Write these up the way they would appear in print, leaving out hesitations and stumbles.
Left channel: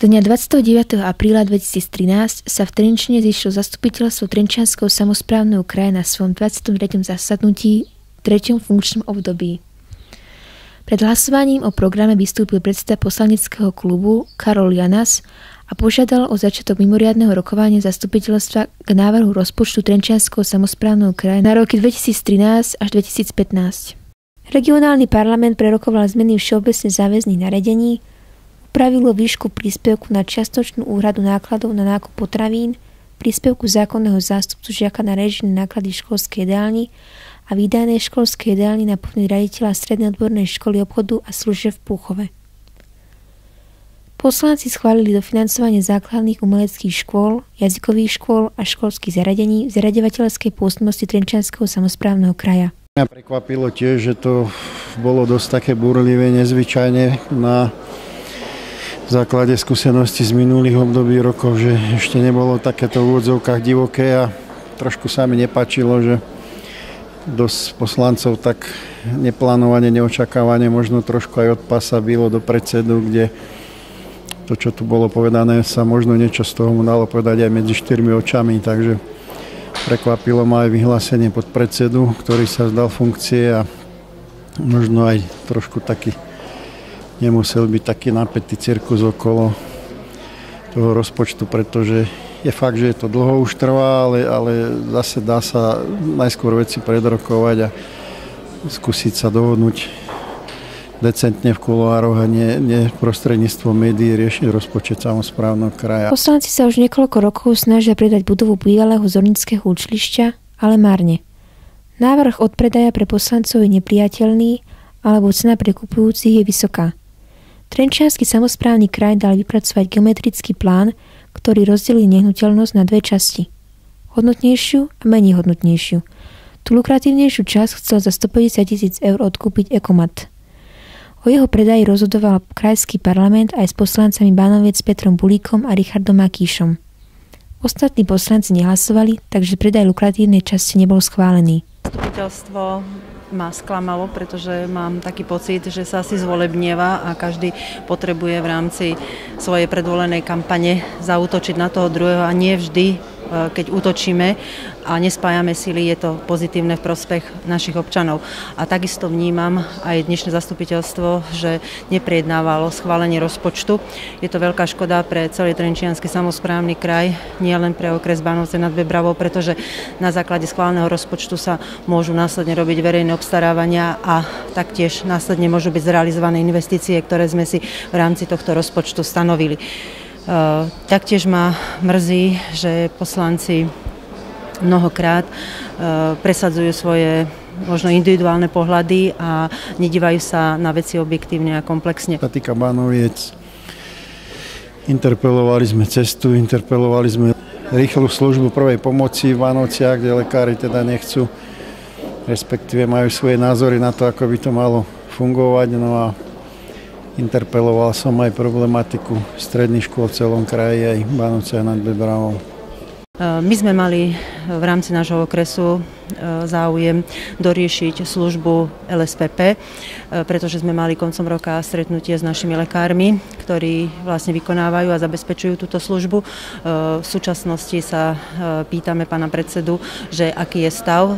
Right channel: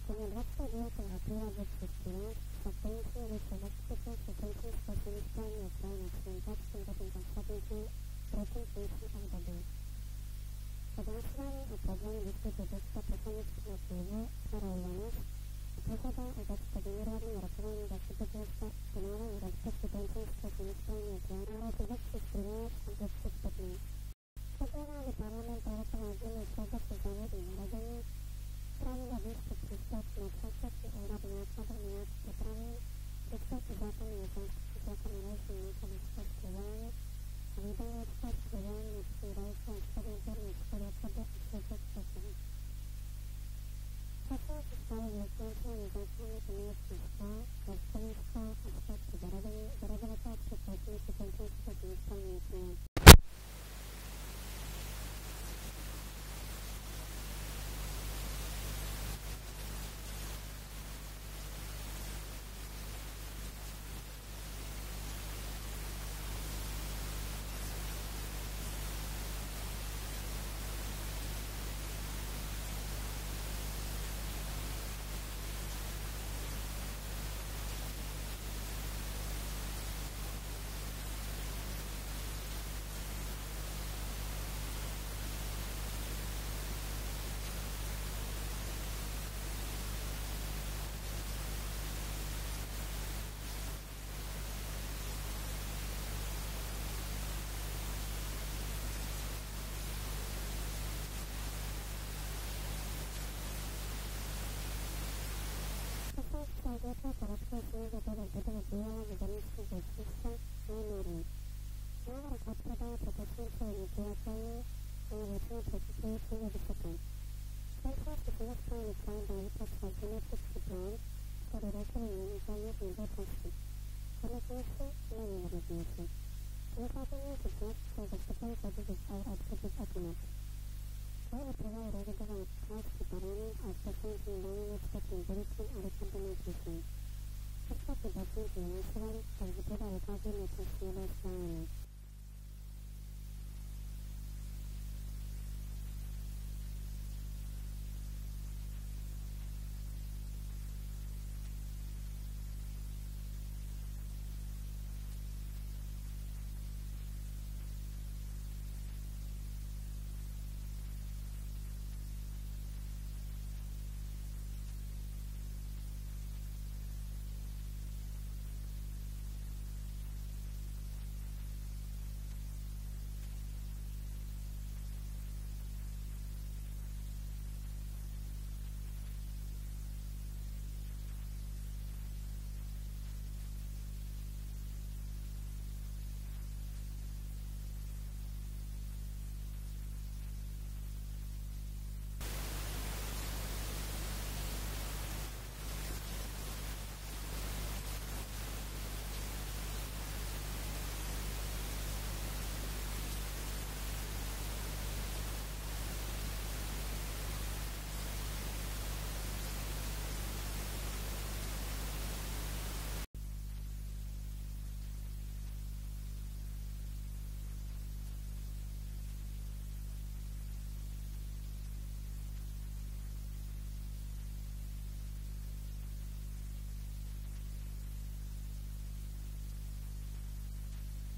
Dňa 29. apríla 2013 sa v Trenčine zišlo zastupiteľstvo Trenčianskeho samosprávneho kraja na svojom 23. zasadnutí v 3. funkčnom období. Pred hlasovaním o programe vystúpil predseda poslaneckého klubu Karol Janas a požiadal o začiatok mimoriadneho rokovania zastupiteľstva k návrhu rozpočtu Trenčianskeho samosprávneho kraja na roky 2013 až 2015. Regionálny parlament prerokoval zmeny všeobecne záväzných nariadení, upravilo výšku príspevku na čiastočnú úhradu nákladov na nákup potravín, príspevku zákonného zástupcu žiaka na režijné náklady školskej jedálni a výdajnej školskej jedálni na povinný riaditeľa Strednej odbornej školy obchodu a služieb v Púchove. Poslanci schválili dofinancovanie základných umeleckých škôl, jazykových škôl a školských zariadení v zariaďovateľskej pôsobnosti Trenčianskeho samosprávneho kraja. Mňa prekvapilo tiež, že to bolo dosť také búrlivé, nezvyčajne na základe skúseností z minulých období rokov, že ešte nebolo takéto v úvodzovkách divoké a trošku sa mi nepáčilo, že dosť poslancov tak neplánovane, neočakávane, možno trošku aj od pasa bylo do predsedu, kde to, čo tu bolo povedané, sa možno niečo z toho mu dalo povedať aj medzi štyrmi očami, takže prekvapilo ma aj vyhlásenie podpredsedu, ktorý sa vzdal funkcie a možno aj trošku taký nemusel byť taký napätý cirkus okolo toho rozpočtu, pretože je fakt, že je to dlho už trvá, ale zase dá sa najskôr veci predrokovať a skúsiť sa dohodnúť decentne v kuloároch a nie prostredníctvom médií riešiť rozpočet samosprávneho kraja. Poslanci sa už niekoľko rokov snažia predať budovu bývalého zornického učilišťa, ale márne. Návrh odpredaja pre poslancov je nepriateľný, alebo cena pre kupujúcich je vysoká. Trenčiansky samosprávny kraj dal vypracovať geometrický plán, ktorý rozdelí nehnuteľnosť na dve časti. Hodnotnejšiu a menej hodnotnejšiu. Tú lukratívnejšiu časť chcel za 150 000 eur odkúpiť Ekomat. O jeho predaji rozhodoval krajský parlament aj s poslancami Bánoviec Petrom Bulíkom a Richardom Makíšom. Ostatní poslanci nehlasovali, takže predaj lukratívnej časti nebol schválený. Zastupiteľstvo ma sklamalo, pretože mám taký pocit, že sa asi zvolebnieva a každý potrebuje v rámci svojej predvolenej kampane zaútočiť na toho druhého a nie vždy, keď útočíme a nespájame sily, je to pozitívne v prospech našich občanov. A takisto vnímam aj dnešné zastupiteľstvo, že neprejednávalo schválenie rozpočtu. Je to veľká škoda pre celý Trenčiansky samosprávny kraj, nie len pre okres Bánovce nad Bebravou, pretože na základe schváleného rozpočtu sa môžu následne robiť verejné obstarávania a taktiež následne môžu byť zrealizované investície, ktoré sme si v rámci tohto rozpočtu stanovili. Taktiež ma mrzí, že poslanci mnohokrát presadzujú svoje možno individuálne pohľady a nedívajú sa na veci objektívne a komplexne. Sa týka Bánoviec, interpelovali sme cestu, interpelovali sme rýchlu službu prvej pomoci v Bánovciach, kde lekári teda nechcú, respektíve majú svoje názory na to, ako by to malo fungovať. No a interpeloval som aj problematiku stredných škôl v celom kraji, aj v Bánovciach nad Bebravou. My sme mali v rámci nášho okresu záujem doriešiť službu LSPP, pretože sme mali koncom roka stretnutie s našimi lekármi, ktorí vlastne vykonávajú a zabezpečujú túto službu. V súčasnosti sa pýtame pána predsedu, že aký je stav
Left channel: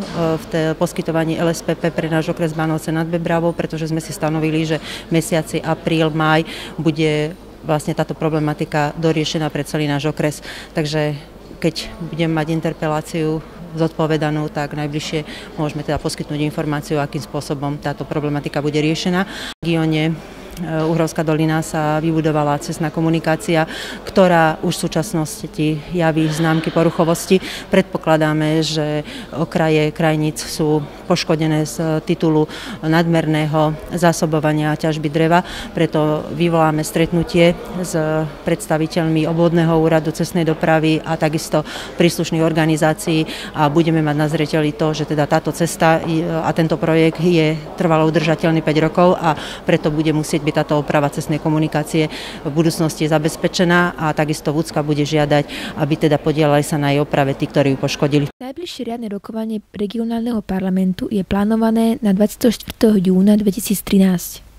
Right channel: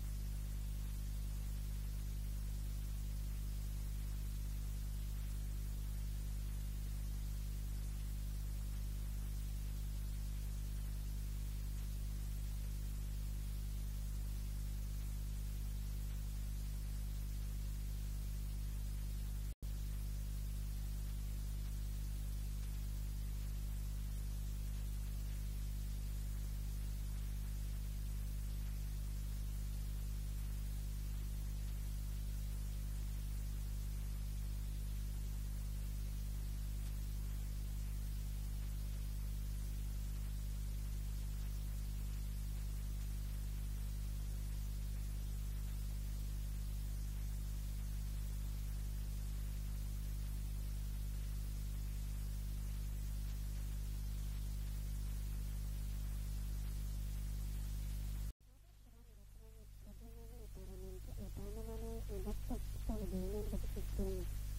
v poskytovaní LSPP pre náš okres Bánovce nad Bebravou, pretože sme si stanovili, že v mesiaci apríl, máj bude vlastne táto problematika doriešená pre celý náš okres. Takže keď budem mať interpeláciu zodpovedanú, tak najbližšie môžeme teda poskytnúť informáciu, akým spôsobom táto problematika bude riešená. V regióne Uhrovská dolina sa vybudovala cestná komunikácia, ktorá už v súčasnosti javí známky poruchovosti. Predpokladáme, že okraje krajníc sú poškodené z titulu nadmerného zásobovania a ťažby dreva, preto vyvoláme stretnutie s predstaviteľmi obvodného úradu cestnej dopravy a takisto príslušných organizácií a budeme mať na zreteli to, že teda táto cesta a tento projekt je trvalo udržateľný 5 rokov a preto bude musieť byť táto oprava cestnej komunikácie v budúcnosti zabezpečená a takisto Vúcka bude žiadať, aby teda podielali sa na jej oprave tí, ktorí ju poškodili. Najbližšie riadne rokovanie regionálneho parlamentu je plánované na 24. júna 2013.